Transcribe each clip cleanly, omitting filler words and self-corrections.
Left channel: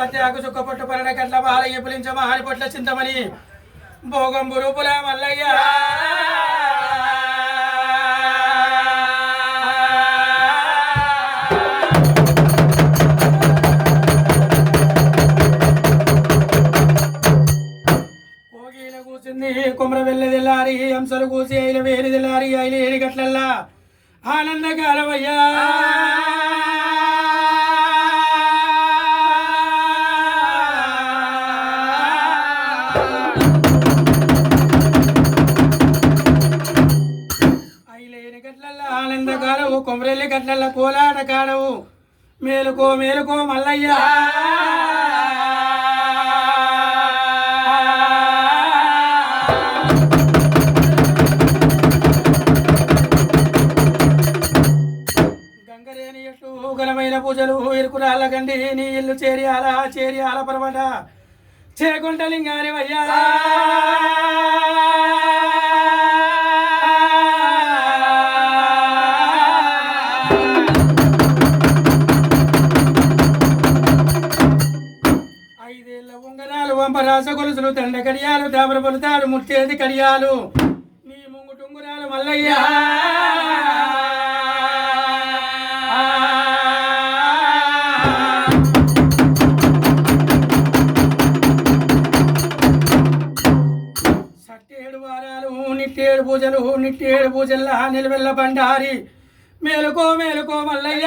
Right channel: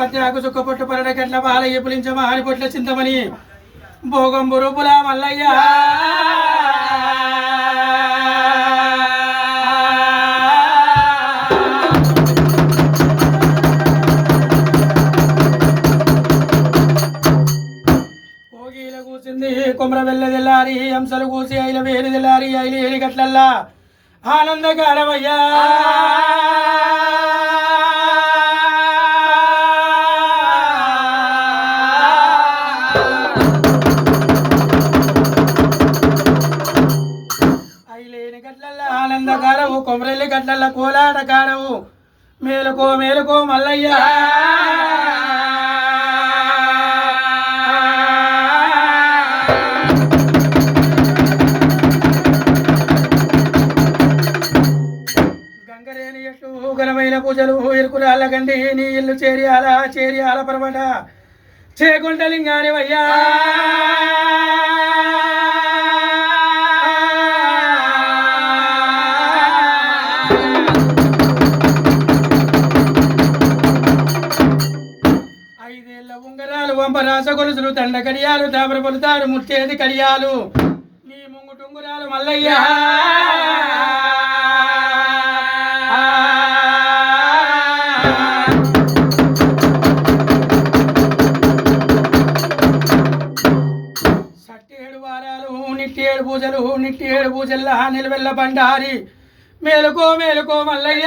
పత్యాకు చుక్కపొట్టు పరడ గంటల మాల ఎప్పులించ మహాని పొట్ల చింతమని భోగం బురుపుల మల్లయ్య కోగిల కూసింది కుమ్ర వెళ్ళదెల్లారి హంసలు కూసి ఐల వేరిదెల్లారి ఐలి ఏరి గట్లల్లా ఆనందగారవయ్యా ఆనందకారవు కొమరెల్లి గట్ల కోలాటకారవు మేలుకో మేలుకో మల్లయ్య గంగరేని ఎట్లు ఘనమైన పూజలు ఇరుకురాళ్ళ గండి నీ ఇల్లు చేరియాల పర్వట చేకుంటలింగాని వయ్యా గొలుసులు దండ కడియాలు దాబర పొలుతాడు ముట్టేది కడియాలు నీ ముంగుటుంగురాలు మల్లయ్య సట్టేడు వారాలు నిట్టేడు పూజల్లా నిలవెల్ల బండారి మేలుకో మేలుకో మల్లయ్య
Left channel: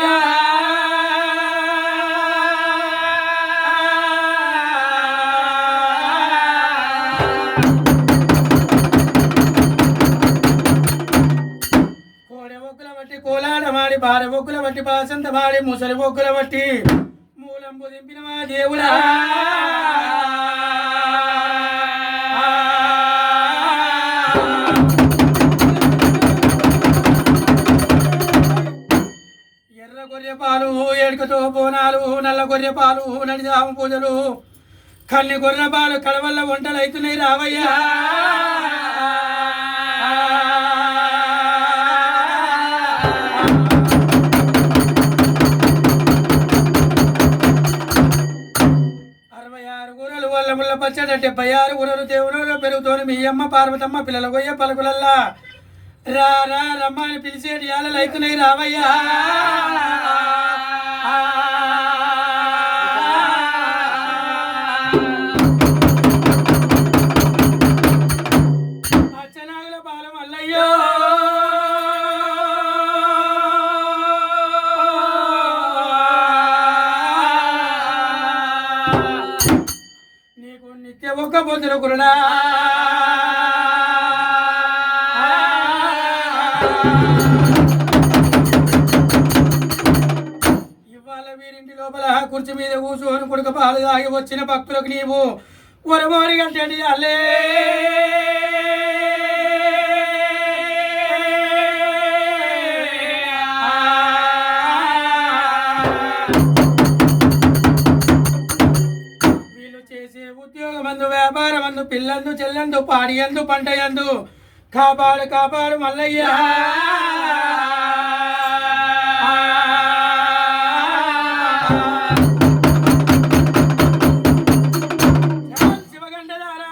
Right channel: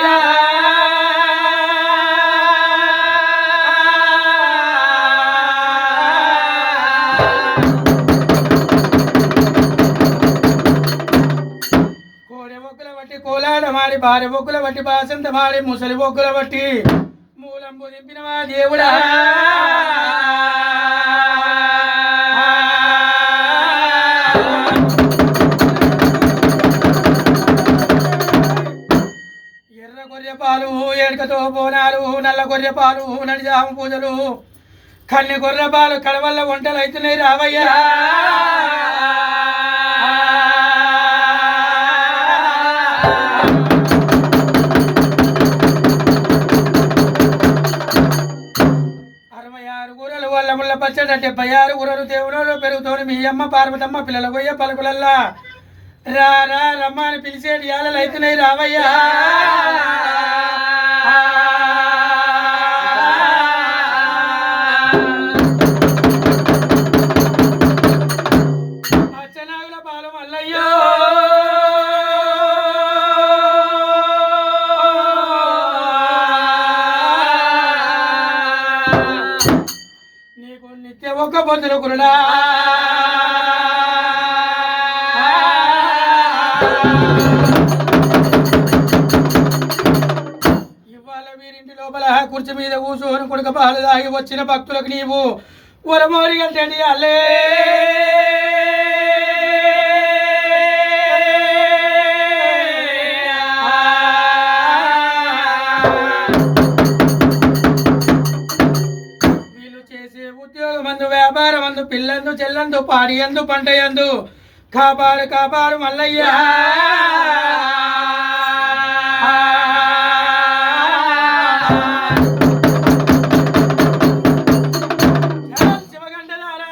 కోలాడమాడి భార్య బొక్కుల బట్టి బాసంత మాడి ముసలి బొక్కుల బట్టి మూలంబు దింపినవా దేవుడా ఎర్ర గొర్రె పాలు ఎడకతో బోనాలు నల్ల గొర్రె పాలు నడిజాము పూజలు కన్ని గొర్రె పాలు కడవల్ల వంటలు అవుతున్నాయి రావయ్యా పచ్చట 76 గురలు దేవుడు పెరుగుతోని మీ అమ్మ పార్వతమ్మ పిల్లల కొయ్య పలుకులల్లా రా రా రమ్మని పిలిచేటి యాలలు అయితున్నాయి రావయ్యా అచ్చనాగుల పాలు మల్లయ్యో ఒక్క పొద్దుల కురుడా ఇవాళ వీరింటి లోపల కుర్చీ మీద కూర్చొని కొడుక పాలు దాగి వచ్చిన భక్తులకు నీవు వరమోరి గంటండి అల్లే ఉద్యోగమందు వ్యాపారమందు పిల్లందు చెల్లందు పాడియందు పంటయందు కాపాడు కాపాడు మల్లయ్య శివగండలారా